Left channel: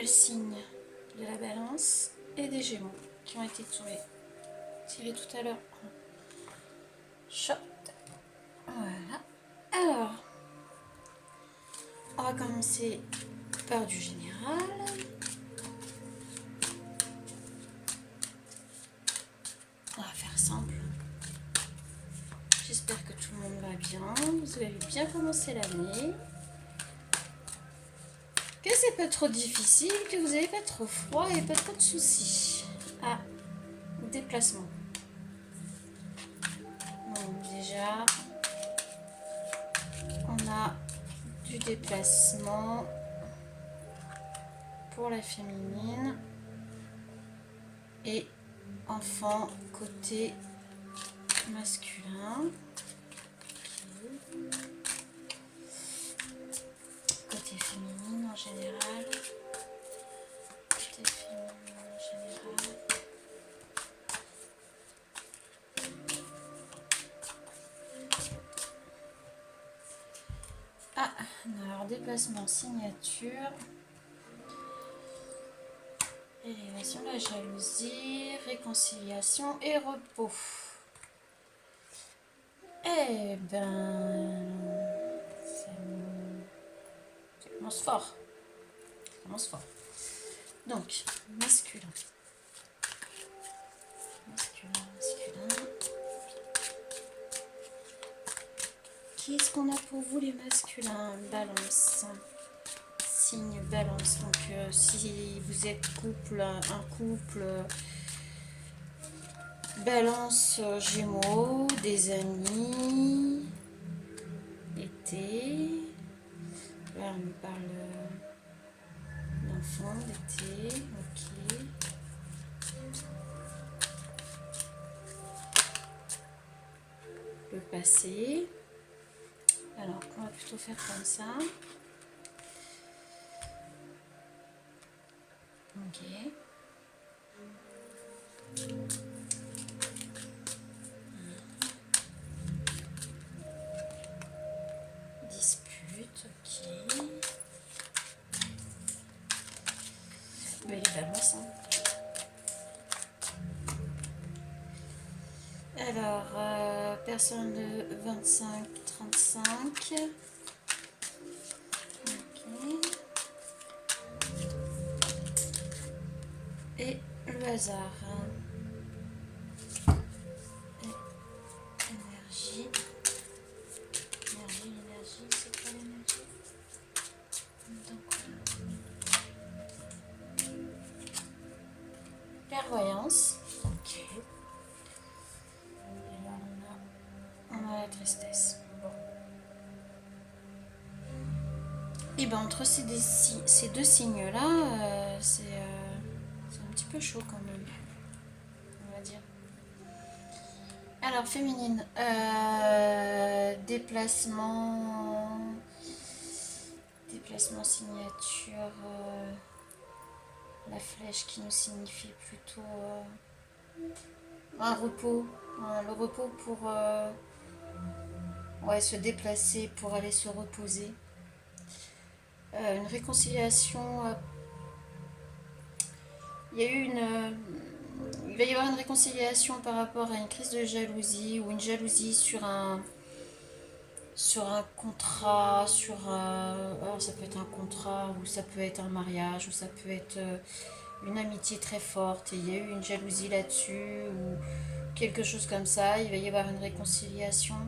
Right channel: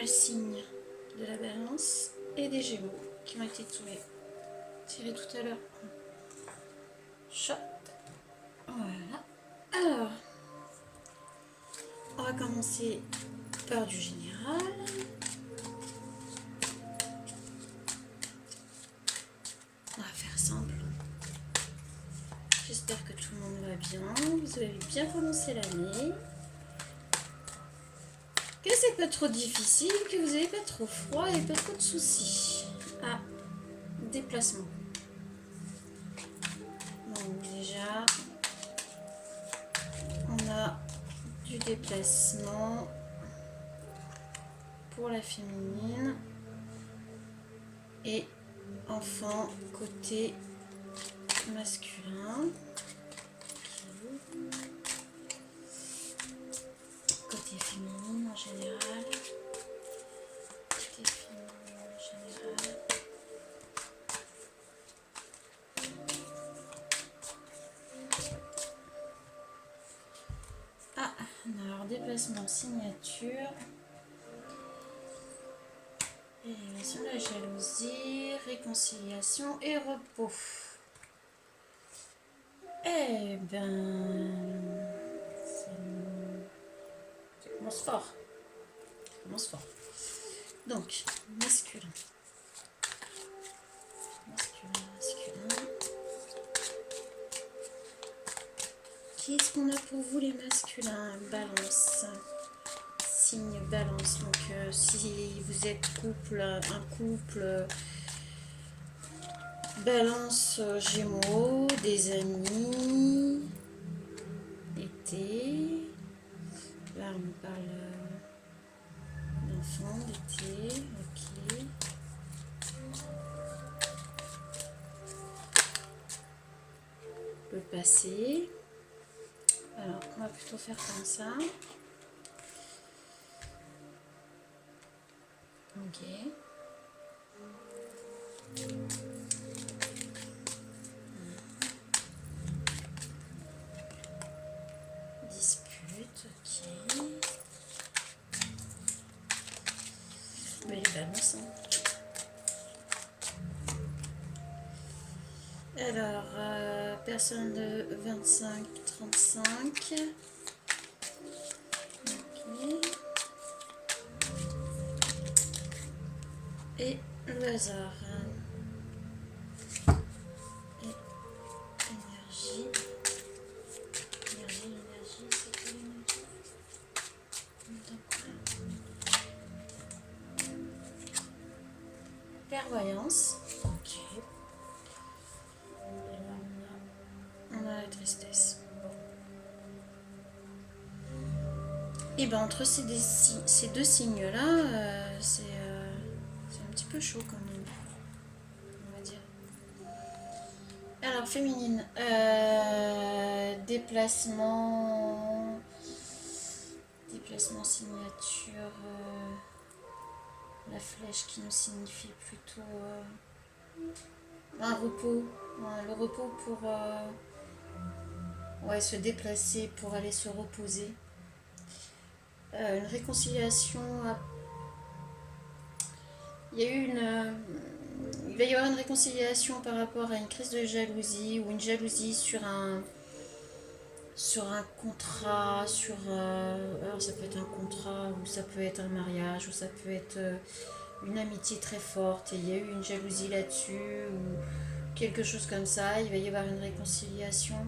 a le signe de la Balance et des Gémeaux qui ont été tirés tout à l'heure. Chat. Voilà. Alors, on va commencer par du général. On va faire simple. J'espère que tout le monde va bien. Vous avez bien commencé l'année. Que c'est pas trop difficile, que vous n'avez pas trop froid et pas trop de soucis. Ah, déplacement. Donc déjà, on a du déplacement pour la féminine et enfant côté masculin. Côté féminine en général. Côté féminine en général. Ah, alors déplacement, signature. Élévation, la jalousie, réconciliation et repos. Eh ben, ça commence fort. Ça commence fort. Donc, masculin. Masculin. Qu'est-ce qu'on a pour vous les masculins? Balance. Signe Balance. Donc, si vous êtes un couple, Balance, Gémeaux, des amis, été. Là, on nous parle d'enfants, d'été. Ok. Le passé. Alors, on va plutôt faire comme ça. Ok. Dispute, ok. Mais les balances, hein. Alors, personne de 25-35. Ok. Et le hasard. Et énergie. L'énergie, c'est quoi l'énergie? Clairvoyance. Ok. Et là, on a la tristesse. Bon. Et ben entre ces deux signes-là, c'est un petit peu chaud quand même, on va dire. Alors, féminine. Déplacement, signature. La flèche qui nous signifie plutôt un repos. Le repos pour se déplacer, pour aller se reposer. Une réconciliation. Il va y avoir une réconciliation par rapport à une crise de jalousie ou une jalousie sur un contrat, alors ça peut être un contrat ou ça peut être un mariage ou ça peut être une amitié très forte et il y a eu une jalousie là-dessus ou quelque chose comme ça. Il va y avoir une réconciliation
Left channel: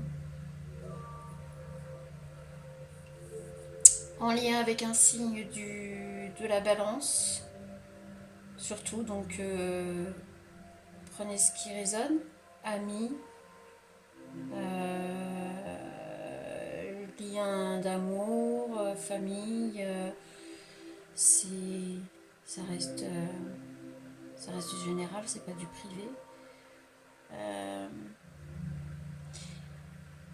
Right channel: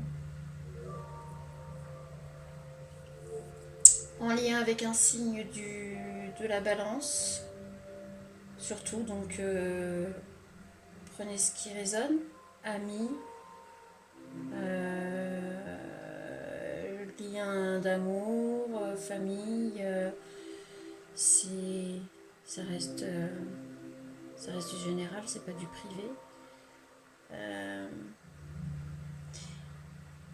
en lien avec un signe de la Balance surtout. Donc prenez ce qui résonne. Amis, lien d'amour, famille, ça reste du général, c'est pas du privé.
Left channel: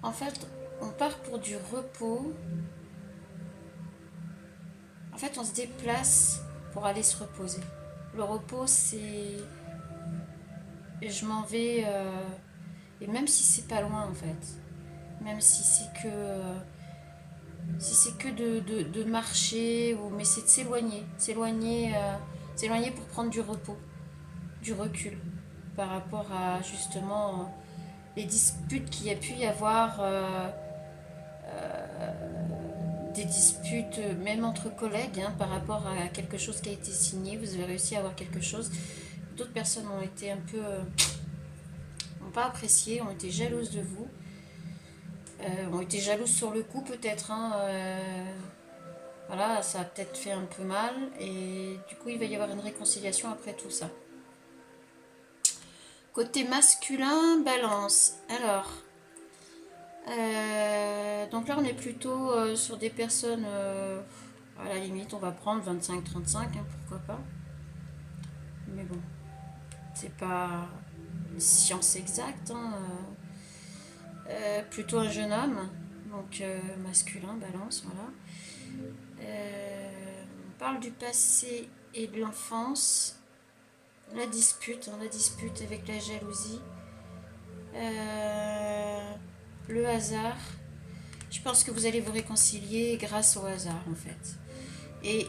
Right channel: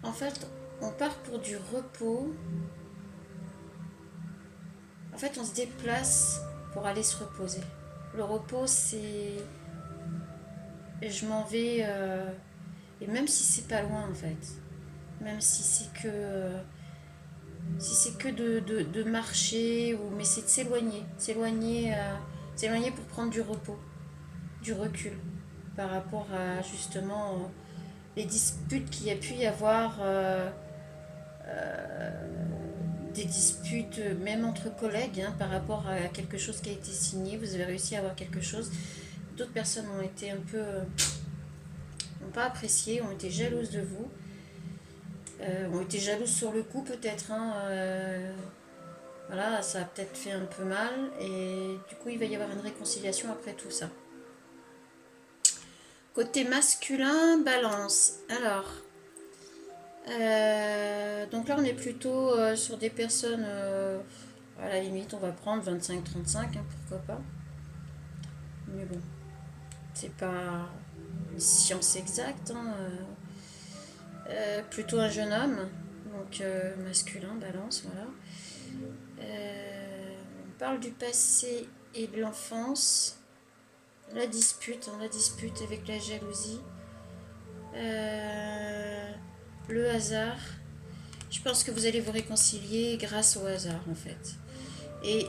En fait, on part pour du repos. En fait, on se déplace pour aller se reposer. Le repos, c'est je m'en vais, et même si c'est pas loin en fait, même si c'est que Si c'est que de marcher, mais c'est de s'éloigner pour prendre du repos, du recul, par rapport à justement les disputes qu'il y a pu y avoir, des disputes même entre collègues, hein, par rapport à quelque chose qui a été signé. Vous avez réussi à avoir quelque chose. D'autres personnes ont été un peu, n'ont pas apprécié, ont été jalouses de vous, ont été jalouses sur le coup peut-être, hein, voilà, ça a peut-être fait un peu mal et du coup il va y avoir une réconciliation après tout ça. Côté masculin, balance. Alors, donc là on est plutôt sur des personnes, à la limite on va prendre 25-35, hein, pourquoi pas. Mais bon, c'est pas une science exacte, hein, plutôt un jeune homme, donc masculin, balance, voilà. On parle du passé et de l'enfance. La dispute, hein, la dispute avec la jalousie. Le hasard. Je pense que vous allez vous réconcilier grâce au hasard, en fait. Et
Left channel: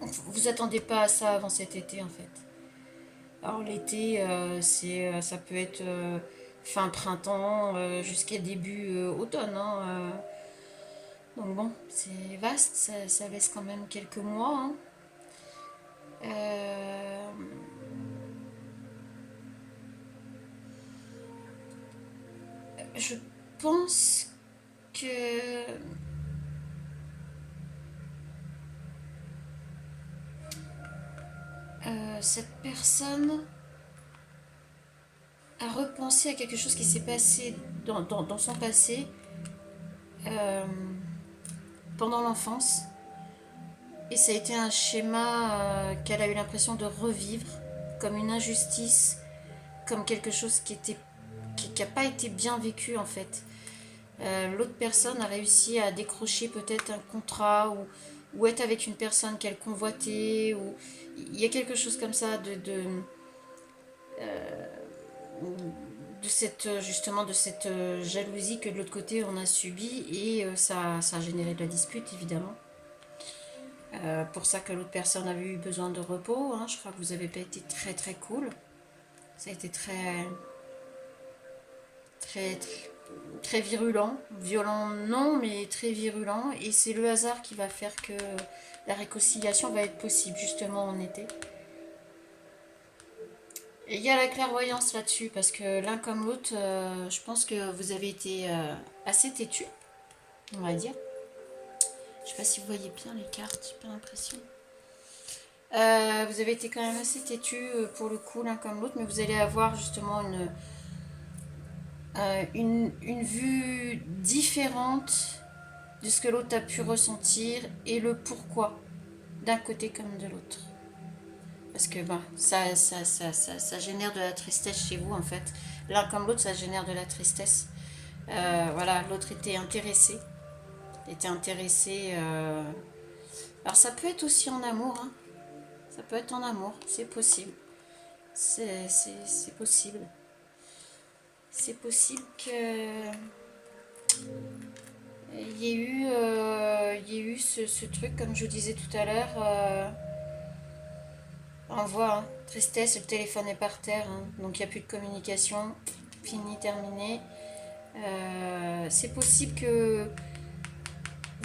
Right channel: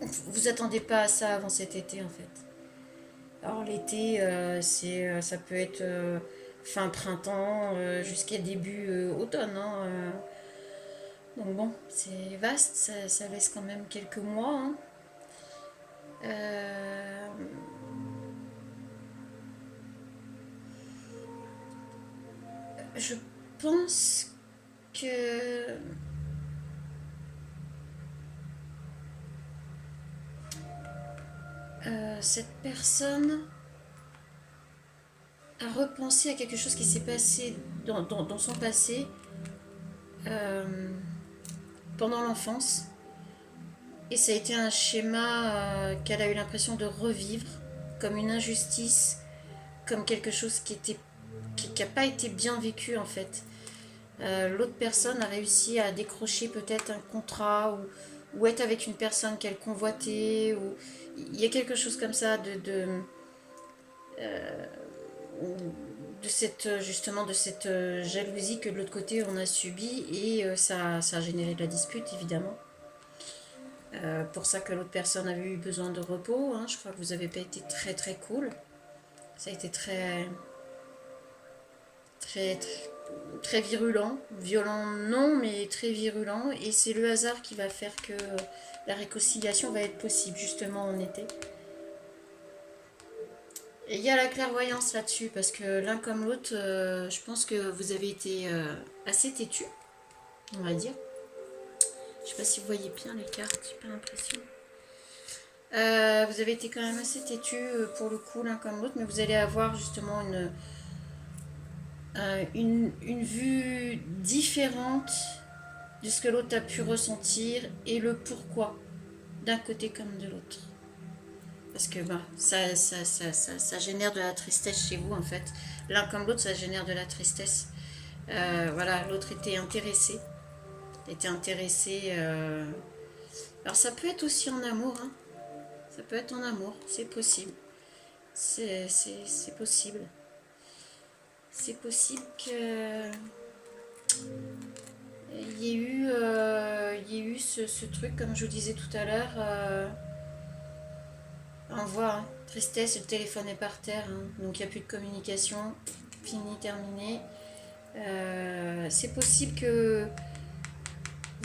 vous attendez pas à ça avant cet été, en fait. Alors l'été, ça peut être fin printemps jusqu'à début automne, hein, donc bon, c'est vaste, ça laisse quand même quelques mois, hein. Euh, je pense que cette personne a repensé à quelque chose qui s'est passé dans son passé, euh, pendant l'enfance. Et ça a été un schéma qu'elle a eu l'impression de revivre comme une injustice, comme quelque chose qui n'a pas été bien vécu en fait. L'autre personne a réussi à décrocher peut-être un contrat ou être avec une personne qu'elle convoitait. Ou... Il y a quelque chose comme ça justement de cette jalousie que de l'autre côté on a subi et ça a généré de la dispute évidemment. Pour ça que l'autre personne avait eu besoin de repos, hein. Je crois que vous n'avez pas été très très cool. Ça a été très très très, très virulent. Violent non, mais très virulent. Et c'est le hasard qui va faire que la réconciliation va être possible justement en été. Et il y a la clairvoyance là-dessus, parce que l'un comme l'autre, je pense que vous avez été assez têtu, on va dire. Je sais pas si vous voyez bien les cartes, j'ai pas l'impression. Vous avez été quand même assez têtu pour le coup, l'un comme l'autre, mais vous allez avoir justement une vue différente de ce que l'autre a pu ressentir et le pourquoi d'un côté comme de l'autre. Parce que bah, ça génère de la tristesse chez vous en fait. L'un comme l'autre, ça génère de la tristesse. Voilà, l'autre était intéressé. Alors ça peut être aussi en amour, hein. Ça peut être en amour, c'est possible. C'est possible. C'est possible que il y ait eu ce truc, comme je vous disais tout à l'heure. On voit, hein, tristesse, le téléphone est par terre, hein, donc il n'y a plus de communication. Fini, terminé. C'est possible que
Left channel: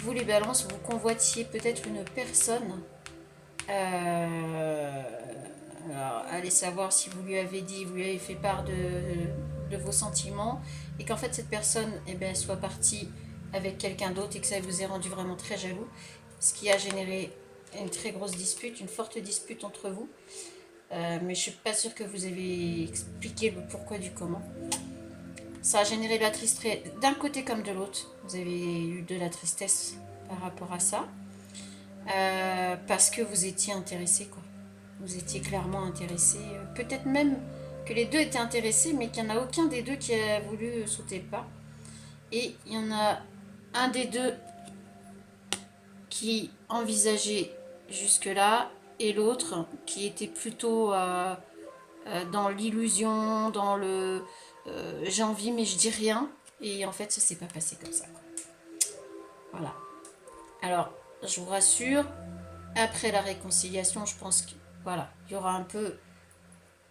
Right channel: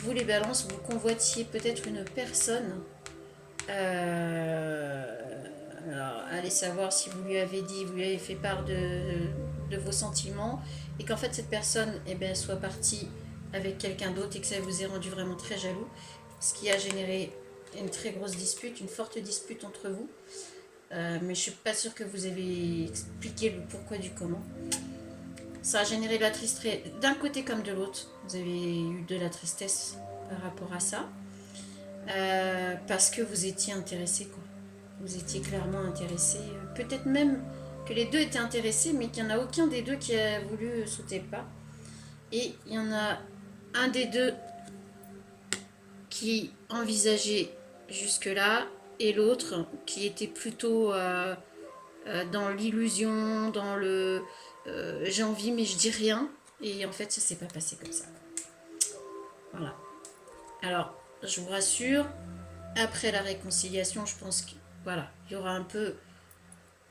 vous, les balances, vous convoitiez peut-être une personne. Alors, allez savoir si vous lui avez dit, vous lui avez fait part de vos sentiments, et qu'en fait cette personne soit partie avec quelqu'un d'autre et que ça vous ait rendu vraiment très jaloux, ce qui a généré une très grosse dispute, une forte dispute entre vous. Mais je ne suis pas sûre que vous avez expliqué le pourquoi du comment. Ça a généré de la tristesse d'un côté comme de l'autre. Vous avez eu de la tristesse par rapport à ça. Parce que vous étiez intéressé, quoi. Vous étiez clairement intéressé. Peut-être même que les deux étaient intéressés, mais qu'il n'y en a aucun des deux qui a voulu sauter le pas. Et il y en a un des deux qui envisageait jusque-là, et l'autre qui était plutôt dans l'illusion, dans le j'ai envie mais je dis rien. Et en fait, ça s'est pas passé comme ça. Voilà. Alors, je vous rassure, après la réconciliation, je pense que voilà, il y aura un peu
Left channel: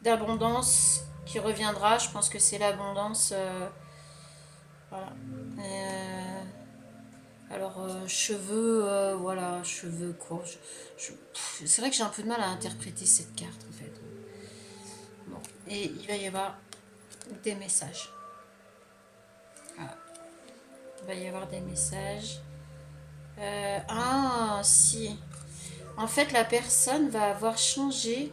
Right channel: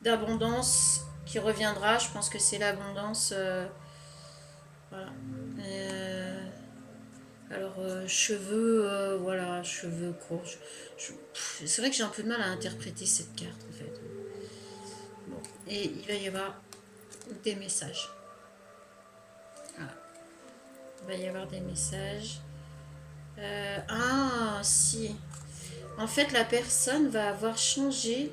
d'abondance qui reviendra. Je pense que c'est l'abondance. Voilà. Alors, cheveux, voilà, cheveux courts. C'est vrai que j'ai un peu de mal à interpréter cette carte, en fait. Bon, et il va y avoir des messages. Voilà. Il va y avoir des messages. Ah, si. En fait, la personne va avoir changé.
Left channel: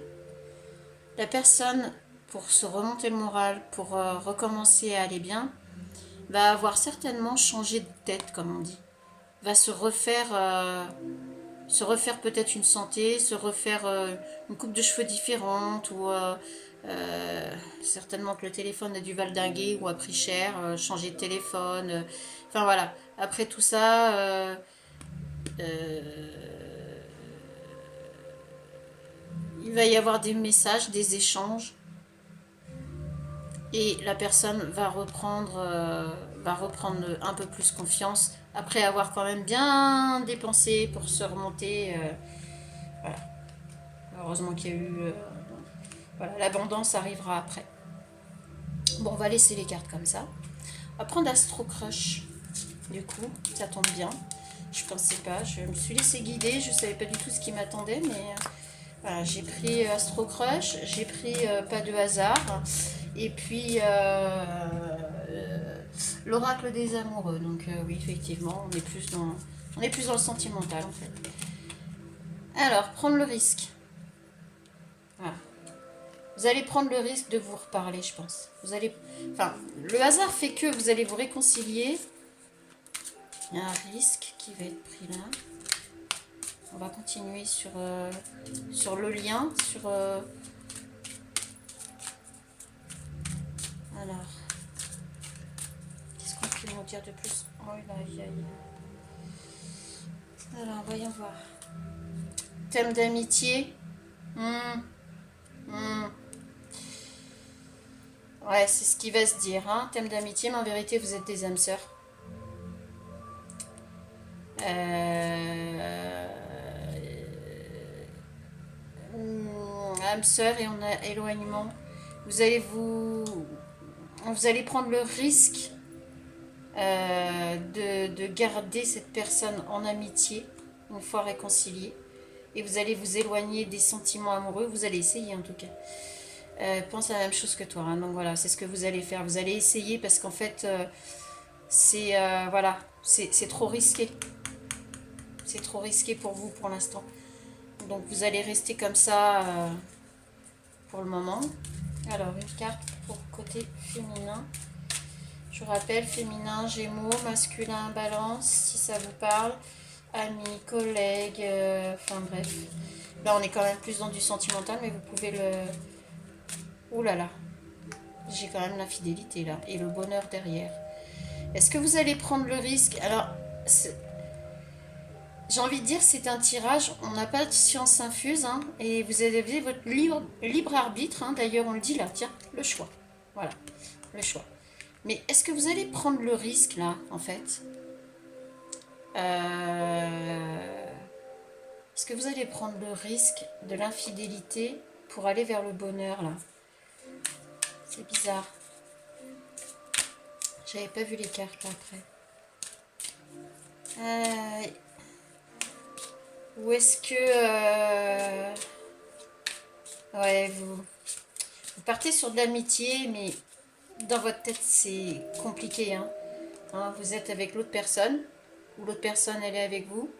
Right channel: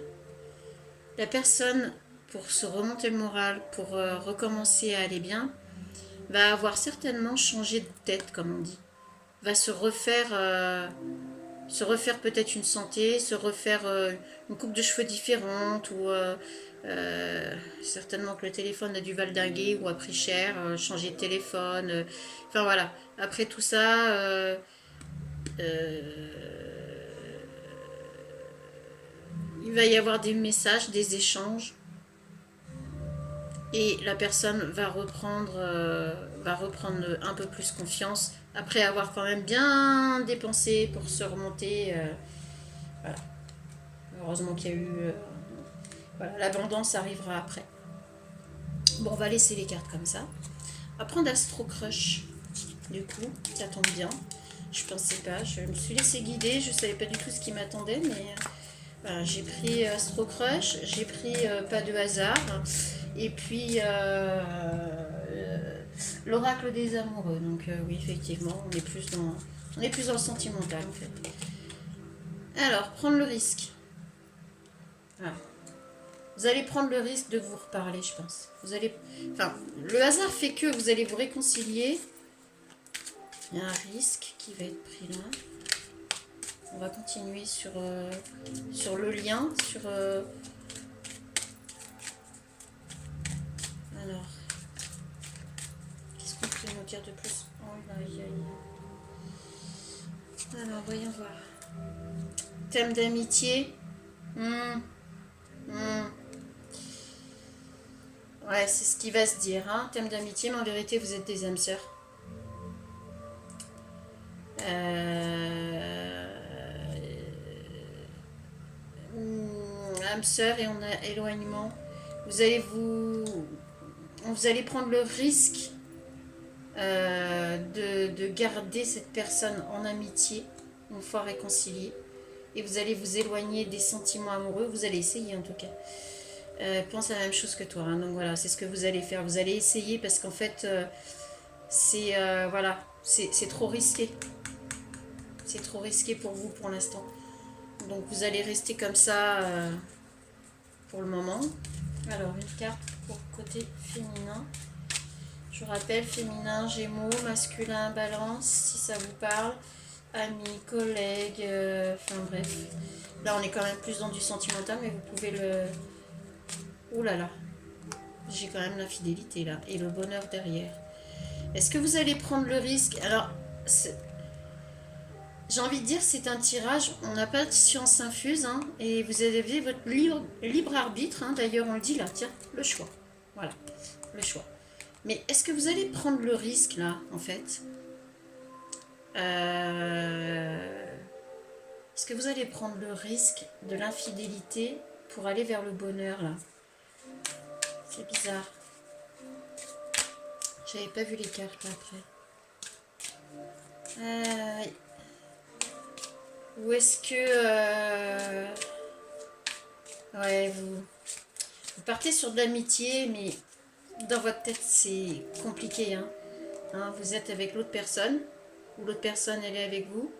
La personne, pour se remonter le moral, pour recommencer à aller bien, va avoir certainement changé de tête, comme on dit. Va se refaire peut-être une santé, se refaire une coupe de cheveux différente, ou certainement que le téléphone a dû valdinguer ou a pris cher, changer de téléphone. Enfin voilà. Après tout ça, il va y avoir des messages, des échanges. Et la personne va reprendre un peu plus confiance après avoir quand même bien dépensé pour se remonter. Voilà. Heureusement qu'il y a eu. Voilà, l'abondance arrivera après. Bon, on va laisser les cartes comme ça. On va prendre Astro Crush. Du coup, ça tombe bien. Je pensais pas, je me suis laissée guider. Je savais pas du tout ce qui m'attendait, mais voilà, j'ai pris Astro Crush, j'ai pris Pas de hasard, et puis l'Oracle des amoureux. Donc oui, effectivement, on est plus dans le sentimental en fait. Alors, prendre le risque. Voilà. Vous allez prendre le risque de vous reparler, je pense. Vous allez, enfin, le hasard fait que vous allez vous réconcilier. Il y a un risque qui va être pris là. On va continuer sur le lien, alors, qu'est-ce qu'on peut nous dire de plus? Oh là, alors, voyons voir. Thème d'amitié. Ouais, c'est ce qui va se dire, hein. Thème d'amitié, mais en vérité, vous êtes des âmes sœurs. Âmes sœurs, et on a éloignement. Vous allez prendre le risque de garder cette personne en amitié une fois réconciliée, et vous allez vous éloigner des sentiments amoureux. Vous allez essayer en tout cas. Pense à la même chose que toi, hein. Donc voilà, c'est ce que vous allez faire. Vous allez essayer parce qu'en fait, voilà, c'est trop risqué. C'est trop risqué pour vous pour l'instant. Donc vous allez rester comme ça pour le moment. Alors une carte pour côté féminin. Je rappelle, féminin, Gémeaux, masculin, Balance, si ça vous parle. Amis, collègues, enfin bref. Là on est quand même plus dans du sentimental, mais vous pouvez le... Ouh là là. J'ai quand même l'infidélité là, et le bonheur derrière. Est-ce que vous allez prendre le risque? Alors, j'ai envie de dire, c'est un tirage, on n'a pas de science infuse, hein, et vous avez votre libre arbitre, hein, d'ailleurs on le dit là, tiens, le choix. Voilà, le choix. Mais est-ce que vous allez prendre le risque là, en fait Est-ce que vous allez prendre le risque de l'infidélité pour aller vers le bonheur là? C'est bizarre. J'avais pas vu les cartes là après. Ou est-ce que... ouais, vous partez sur de l'amitié, mais dans votre tête, c'est compliqué. Hein, vous êtes avec l'autre personne, ou l'autre personne, elle est avec vous.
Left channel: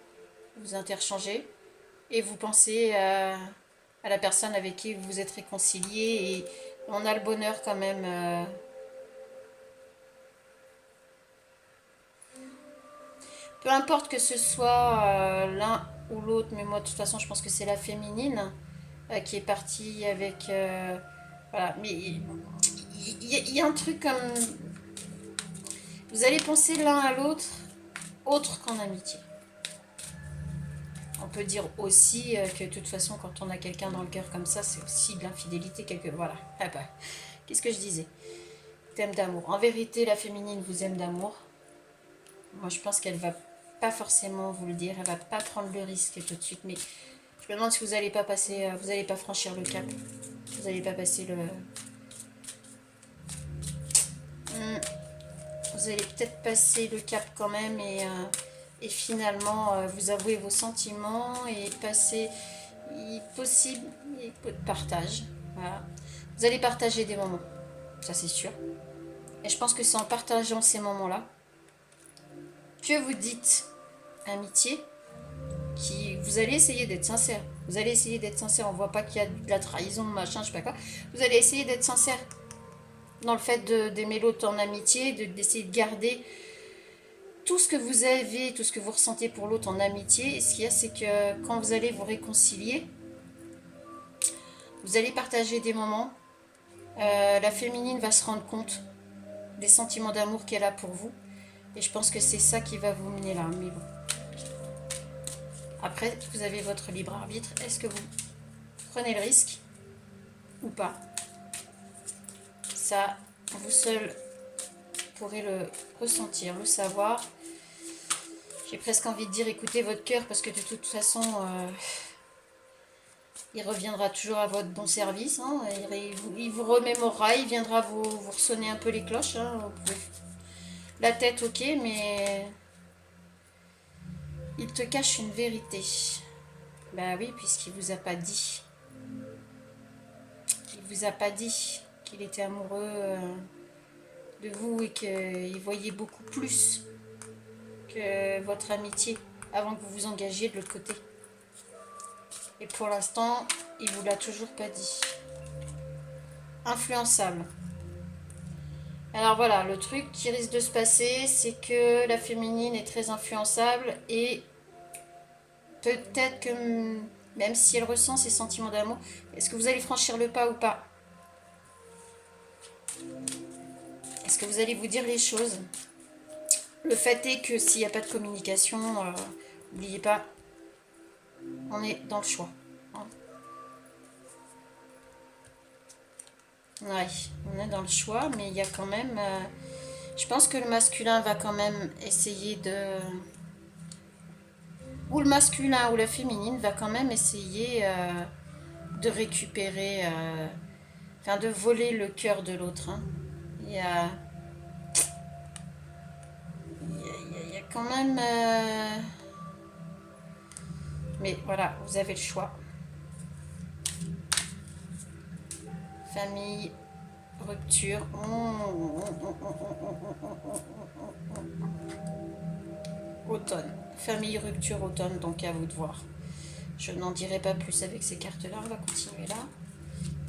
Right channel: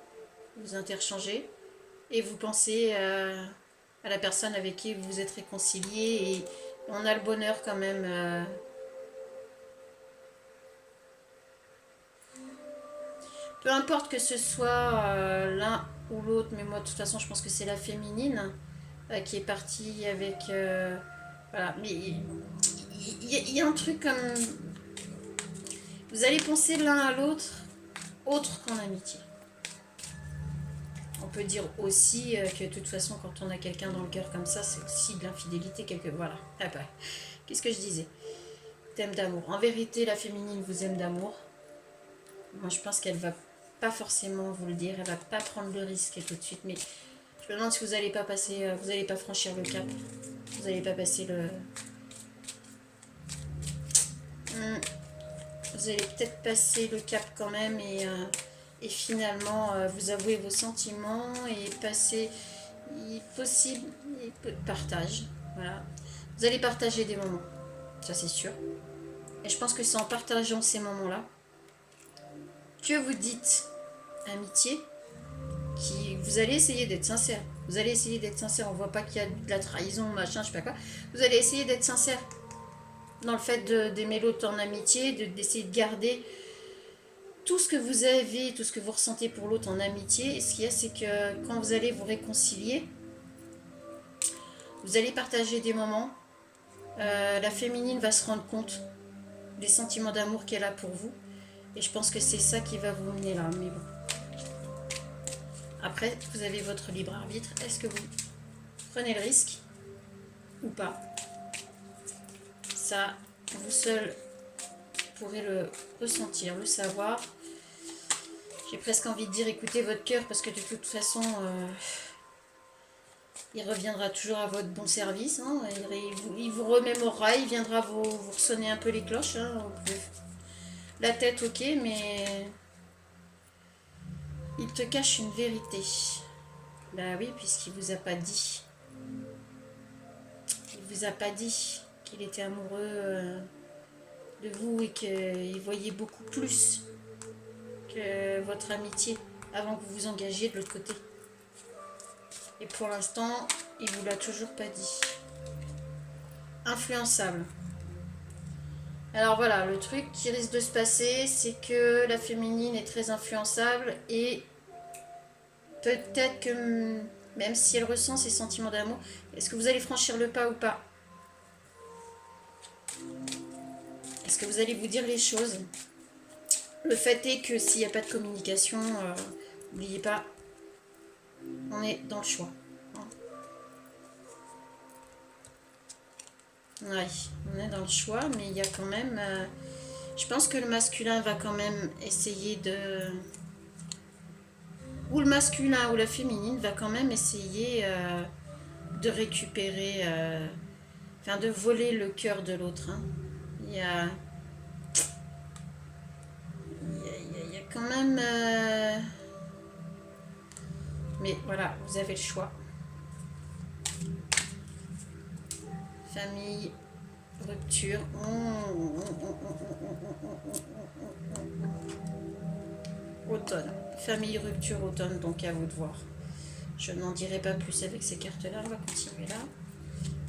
Vous interchangez, et vous pensez à la personne avec qui vous vous êtes réconcilié, et on a le bonheur quand même. Peu importe que ce soit l'un ou l'autre, mais moi, de toute façon, je pense que c'est la féminine qui est partie avec... voilà, mais il y a un truc comme... Vous allez penser l'un à l'autre, autre qu'en amitié. On peut dire aussi que de toute façon, quand on a quelqu'un dans le cœur comme ça, c'est aussi de l'infidélité quelque... Voilà. Ah bah, qu'est-ce que je disais? Thème d'amour. En vérité, la féminine vous aime d'amour. Moi, je pense qu'elle va pas forcément vous le dire. Elle va pas prendre le risque tout de suite. Mais je me demande si vous n'allez pas passer, vous n'allez pas franchir le cap. Vous n'allez pas passer le... Vous allez peut-être passer le cap quand même et finalement vous avouer vos sentiments et passer possible partage. Voilà. Vous allez partager des moments, ça c'est sûr. Et je pense que c'est en partageant ces moments-là que vous dites amitié, qui vous allez essayer d'être sincère. Vous allez essayer d'être sincère. On voit pas qu'il y a de la trahison, machin, je sais pas quoi. Vous allez essayer d'être sincère dans le fait d'aimer l'autre en amitié, d'essayer de garder tout ce que vous avez, tout ce que vous ressentez pour l'autre en amitié. Et ce qu'il y a, c'est que quand vous allez vous réconcilier, vous allez partager des moments. La féminine va se rendre compte des sentiments d'amour qu'elle a pour vous. Et je pense que c'est ça qui va vous mener là. Mais bon. Après, vous avez votre libre arbitre. Est-ce que vous prenez le risque ou pas? Ça, vous seul pourrez le ressentir, le savoir. J'ai presque envie de dire écoutez votre cœur parce que de toute façon, il reviendra toujours à votre bon service. Hein. Il vous remémorera, il viendra vous ressonner un peu les cloches. Hein. La tête, ok, mais il te cache une vérité. Bah oui, puisqu'il vous a pas dit. Il vous a pas dit qu'il était amoureux de vous et qu'il voyait beaucoup plus que votre amitié avant que vous vous engagiez de l'autre côté. Et pour l'instant, il vous l'a toujours pas dit. Influençable. Alors voilà, le truc qui risque de se passer, c'est que la féminine est très influençable et peut-être que même si elle ressent ses sentiments d'amour, est-ce que vous allez franchir le pas ou pas? Est-ce que vous allez vous dire les choses? Le fait est que s'il n'y a pas de communication, n'oubliez pas, on est dans le choix. Ouais, on est dans le choix, mais il y a quand même... je pense que le masculin va quand même essayer de... Ou le masculin ou la féminine va quand même essayer de récupérer... Enfin, de voler le cœur de l'autre. Hein. Il y a quand même... Mais voilà, vous avez le choix. Famille, rupture. Automne. Famille, rupture, automne, donc à vous de voir. Je n'en dirai pas plus avec ces cartes-là. On va continuer là.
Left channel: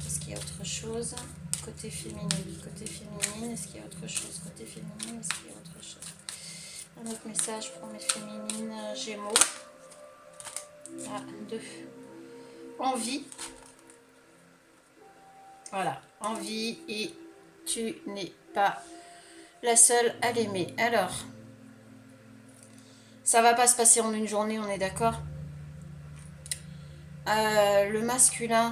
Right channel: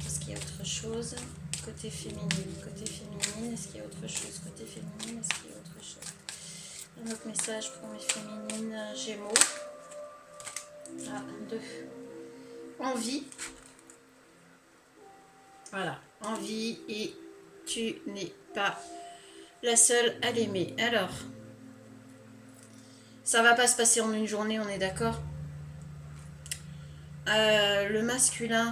Est-ce qu'il y a autre chose? Côté féminine. Côté féminine. Est-ce qu'il y a autre chose? Côté féminine. Est-ce qu'il y a autre chose? Un autre message pour mes féminines Gémeaux. Ah, 2. Envie. Voilà, envie et tu n'es pas la seule à l'aimer. Alors, ça va pas se passer en une journée, on est d'accord. Le masculin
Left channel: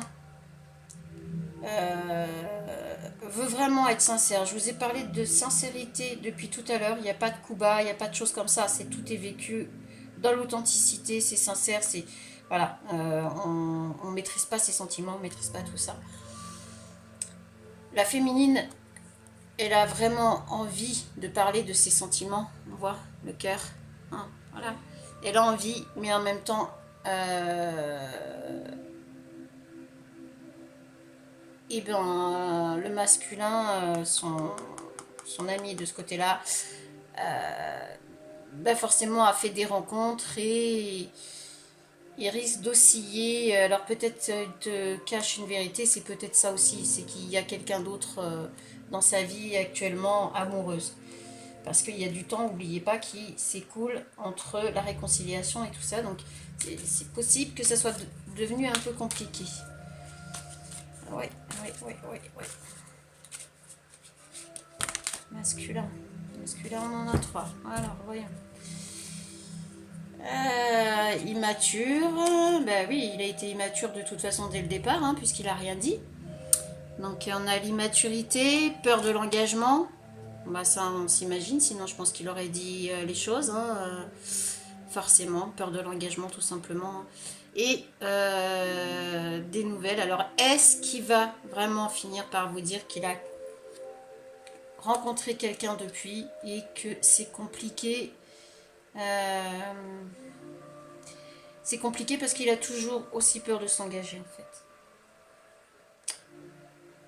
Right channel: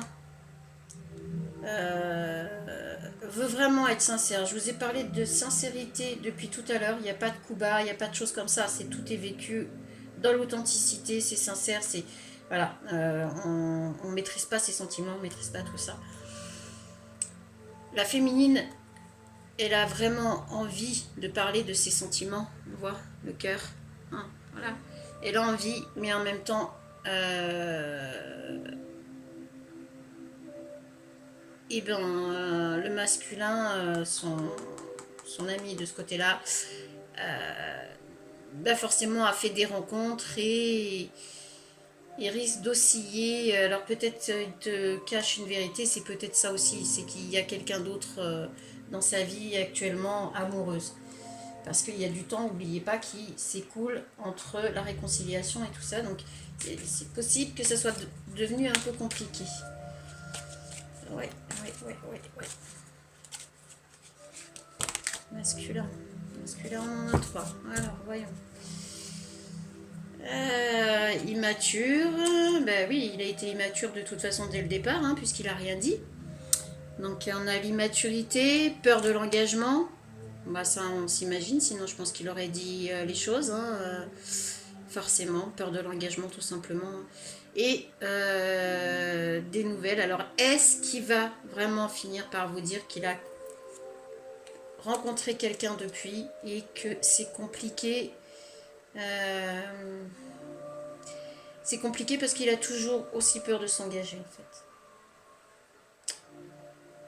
veut vraiment être sincère. Je vous ai parlé de sincérité depuis tout à l'heure. Il n'y a pas de coup bas, il n'y a pas de choses comme ça. C'est tout est vécu dans l'authenticité, c'est sincère, c'est voilà. On maîtrise pas ses sentiments, on maîtrise pas tout ça. La féminine, elle a vraiment envie de parler de ses sentiments. On voit le cœur. Hein, voilà. Elle a envie, mais en même temps, le masculin, son ami de ce côté-là, forcément a fait des rencontres et il risque d'osciller. Alors peut-être il te cache une vérité, c'est peut-être ça aussi, c'est qu'il y a quelqu'un d'autre dans sa vie actuellement amoureuse. Parce qu'il y a du temps, n'oubliez pas, qui s'écoule entre la réconciliation et tout ça. Donc c'est possible que ça soit devenu un peu compliqué. Ouais. Masculin, on en a 3. Alors, voyons. Immature, ben oui, il a été immature de toute façon dès le départ, hein, puisqu'il a rien dit. Donc on a l'immaturité, peur de l'engagement. Bah ça on s'imagine, sinon je pense qu'il aurait dit les choses. Hein, forcément, peur de l'engagement tout simplement. Et des nouvelles. Alors est-ce qu'il va vraiment finir par vous dire qu'il a rencontré quelqu'un depuis et que c'est compliqué c'est compliqué parce qu'il a toujours aussi peur de s'engager en fait.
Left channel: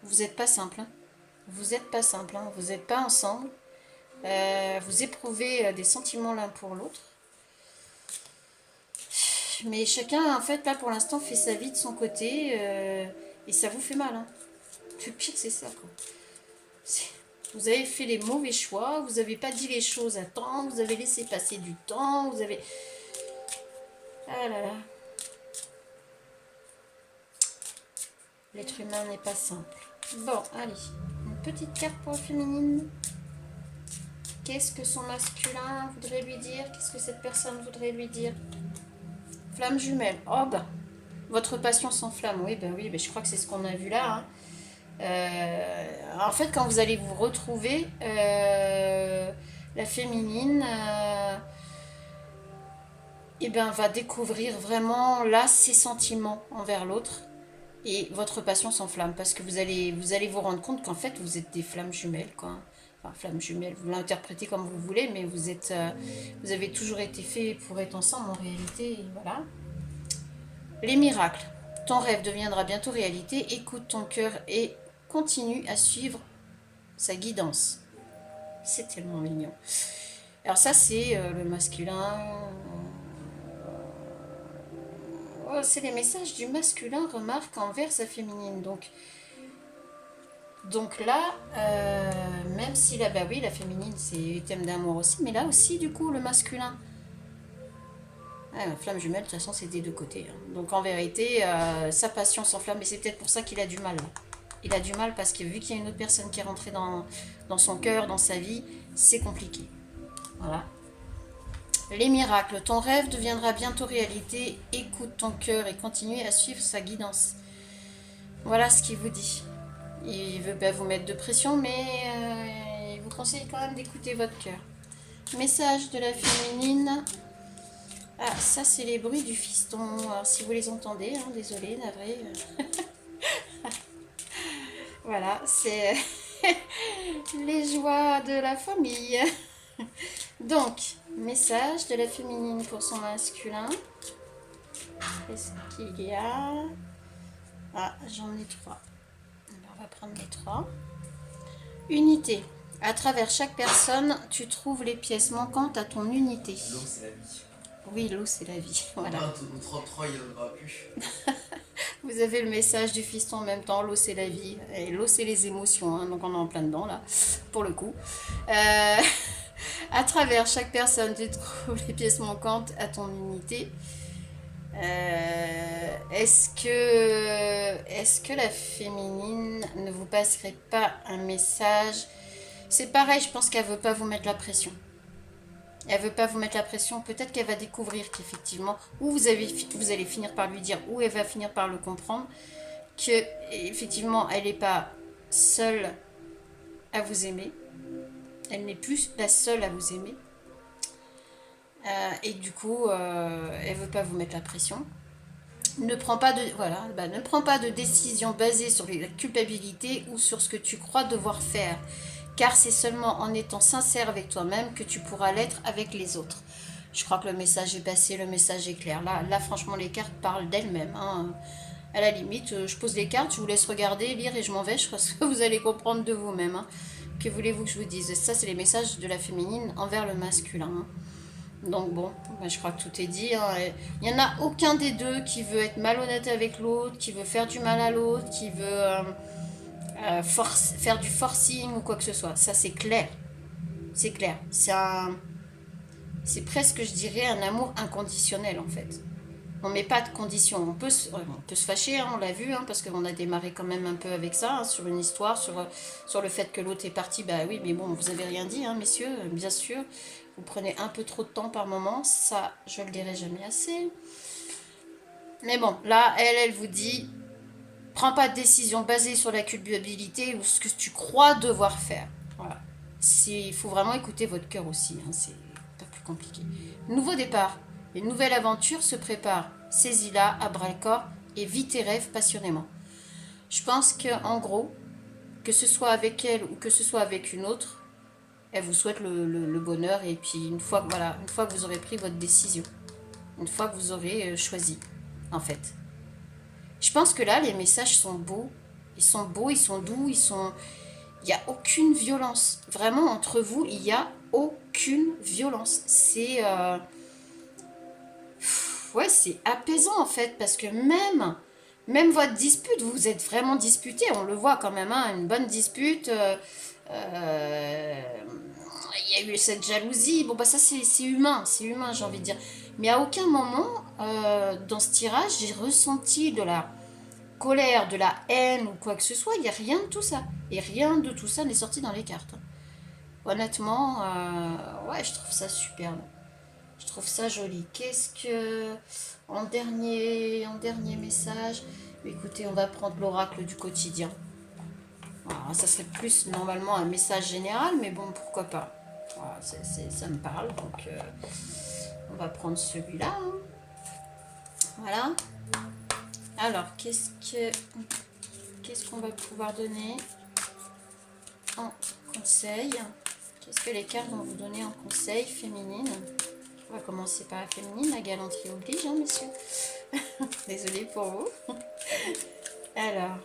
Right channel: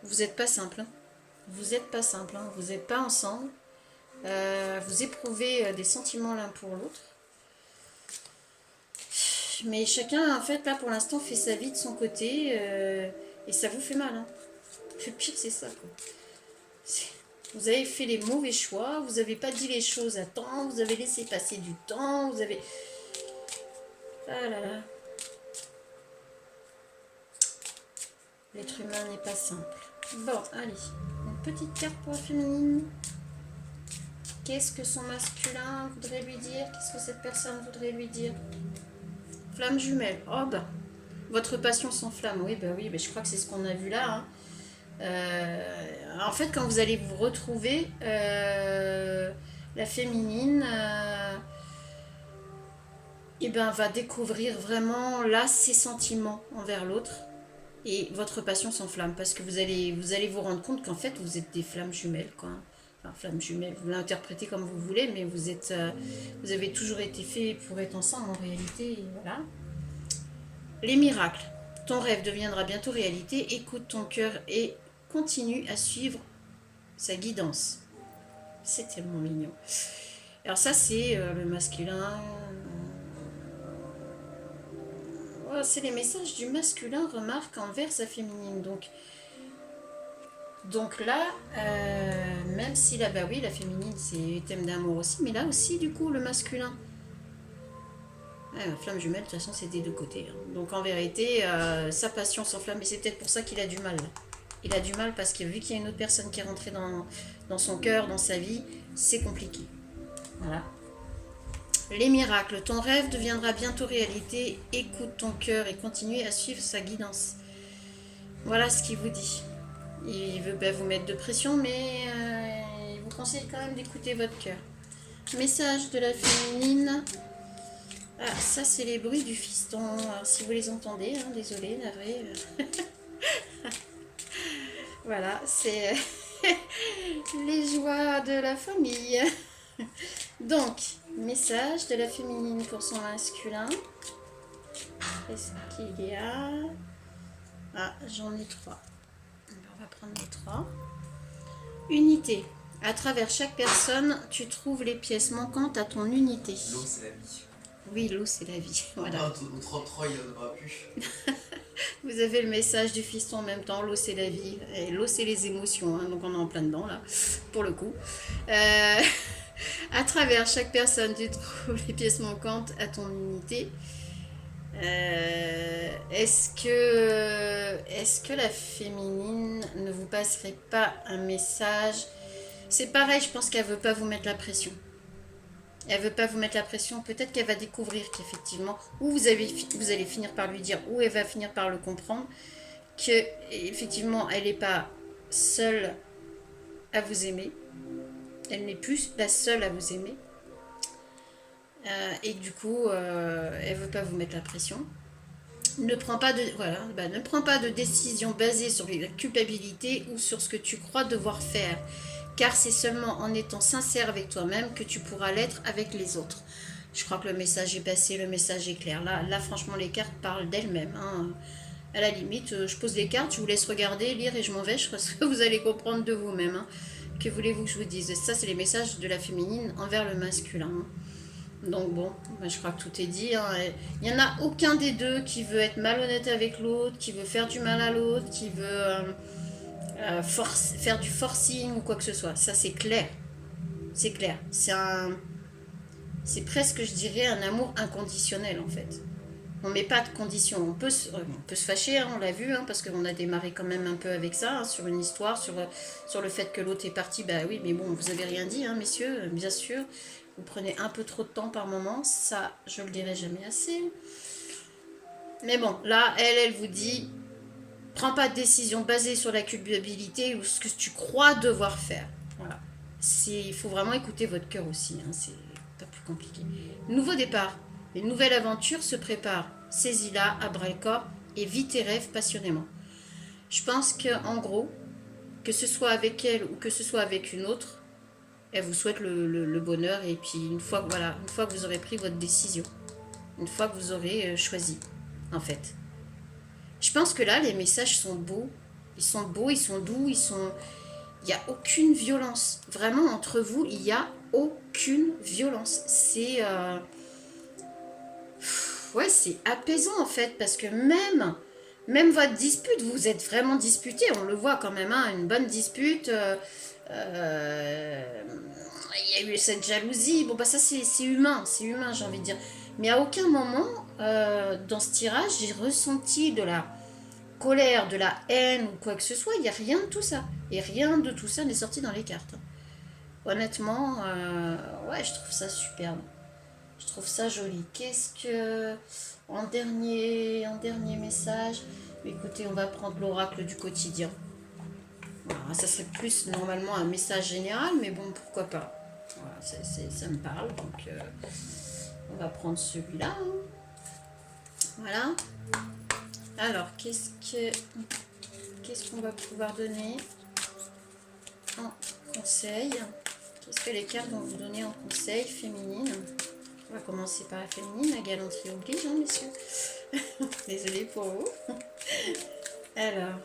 Vous n'êtes pas simple. Hein. Vous n'êtes pas simple. Hein. Vous n'êtes pas ensemble. Vous éprouvez des sentiments l'un pour l'autre. Mais chacun, en fait, là, pour l'instant, fait sa vie de son côté. Et ça vous fait mal. Hein. Le pire, c'est ça, quoi. Vous avez fait les mauvais choix. Vous n'avez pas dit les choses à temps. Vous avez laissé passer du temps. Vous avez... Ah là là. L'être humain n'est pas simple. Bon, allez. Une petite carte pour le féminine. Qu'est-ce que son masculin voudrait lui dire? Qu'est-ce que cette personne voudrait lui dire? Flamme jumelle. Oh bah, votre passion s'enflamme. Oui, bah oui, bah je crois que c'est ce qu'on a vu là. Hein. En fait, quand vous allez vous retrouver, la féminine, eh ben, va découvrir vraiment là ses sentiments envers l'autre. Et votre passion s'enflamme parce que vous allez vous rendre compte qu'en fait, vous êtes des flammes jumelles, quoi. Enfin, flammes jumelles, vous l'interprétez comme vous voulez, mais vous avez toujours été fait pour être ensemble en réalité, voilà. Les miracles. Ton rêve deviendra bientôt réalité. Écoute ton cœur et continue à suivre sa guidance. C'est tellement mignon. Alors ça, c'est le masculin. Oh, c'est les messages du masculin, remarque, envers sa féminine. Donc là, même si là, bah oui, la féminine, c'est thème d'amour aussi, mais là aussi, du coup, le masculin. Flamme jumelle, de toute façon, c'est des deux côtés. Hein. Donc en vérité, sa passion s'enflamme, et c'est peut-être pour ça qu'il a du mal. Il a du mal parce que vu qu'il y a une autre personne qui est rentrée dans son cœur, dans sa vie, c'est compliqué. Voilà. Les miracles. Ton rêve deviendra bientôt réalité. Écoute ton cœur et continue à suivre sa guidance. Voilà ce qu'il vous dit. Il veut pas vous mettre de pression, mais il vous conseille quand même d'écouter votre cœur. Message de la féminine. Ah, ça c'est les bruits du fiston. Alors si vous les entendez, hein, désolé, navré. Voilà, c'est les joies de la famille. Donc, message de la féminine pour son masculin. Qu'est-ce qu'il y a? Ah, j'en ai 3. On va prendre les 3. Unité. À travers chaque personne, tu trouves les pièces manquantes à ton unité. L'eau, c'est la vie. Oui, l'eau, c'est la vie. Voilà. Au 33, il n'y en aura plus. Vous avez le message du fiston en même temps. L'eau, c'est la vie. Et l'eau, c'est les émotions. Hein, donc, on est en plein dedans, là, pour le coup. À travers chaque personne, tu trouves les pièces manquantes à ton unité. Est-ce que la féminine ne vous passerait pas un message? C'est pareil, je pense qu'elle veut pas vous mettre la pression. Elle veut pas vous mettre la pression. Peut-être qu'elle va découvrir qu'effectivement, ou vous allez finir par lui dire, ou elle va finir par le comprendre, que effectivement, elle n'est pas seule à vous aimer. Elle n'est plus la seule à vous aimer. Et du coup, elle veut pas vous mettre la pression. Ne prends pas de décision basée sur la culpabilité ou sur ce que tu crois devoir faire. Car c'est seulement en étant sincère avec toi-même que tu pourras l'être avec les autres. Je crois que le message est passé, le message est clair. Là franchement, les cartes parlent d'elles-mêmes. Hein. À la limite, je pose les cartes, je vous laisse regarder, lire et je m'en vais. Je crois que vous allez comprendre de vous-même. Hein. Que voulez-vous que je vous dise? Ça, c'est les messages de la féminine envers le masculin. Hein. Donc bon, je crois que tout est dit. Hein. Il n'y en a aucun des deux qui veut être malhonnête avec l'autre, qui veut faire du mal à l'autre, qui veut... faire du forcing ou quoi que ce soit. Ça, c'est clair. C'est clair. C'est presque, je dirais, un amour inconditionnel, en fait. On met pas de conditions. On peut se fâcher, hein, on l'a vu, hein, parce qu'on a démarré quand même un peu avec ça, hein, sur une histoire, sur le fait que l'autre est parti. Bah oui, mais bon, vous avez rien dit, hein, messieurs, bien sûr. Vous prenez un peu trop de temps par moment. Ça, je le dirai jamais assez. Mais bon, là, elle vous dit... Prends pas de décision basée sur la culpabilité ou ce que tu crois devoir faire. Voilà. Il faut vraiment écouter votre cœur aussi, hein, c'est pas plus compliqué. Nouveau départ, une nouvelle aventure se prépare. Saisis-la à bras-le-corps et vis tes rêves passionnément. Je pense qu'en gros, que ce soit avec elle ou que ce soit avec une autre, elle vous souhaite le bonheur. Et puis une fois que vous aurez pris votre décision, une fois que vous aurez choisi, en fait. Je pense que là, les messages sont beaux. Ils sont beaux, ils sont doux, il n'y a aucune violence. Vraiment, entre vous, il n'y a aucune violence. Ouais, c'est apaisant, en fait, parce que même votre dispute, vous êtes vraiment disputé. On le voit quand même, hein, une bonne dispute. Il y a eu cette jalousie. Bon, bah ça, c'est humain, j'ai envie de dire. Mais à aucun moment, dans ce tirage, j'ai ressenti de la colère, de la haine ou quoi que ce soit. Il n'y a rien de tout ça. Et rien de tout ça n'est sorti dans les cartes. Honnêtement, ouais, je trouve ça superbe. Je trouve ça joli. Qu'est-ce que... En dernier message, écoutez, on va prendre l'oracle du quotidien. Voilà, ça serait plus normalement un message général, mais bon, pourquoi pas. Voilà, ça me parle, donc on va prendre celui-là. Hein. Voilà. Alors, qu'est-ce qu'on va pouvoir donner en conseil? Qu'est-ce que les cartes vont vous donner en conseil féminine? On va commencer par la féminine, la galanterie oblige, hein, messieurs. Désolée pour vous. Alors,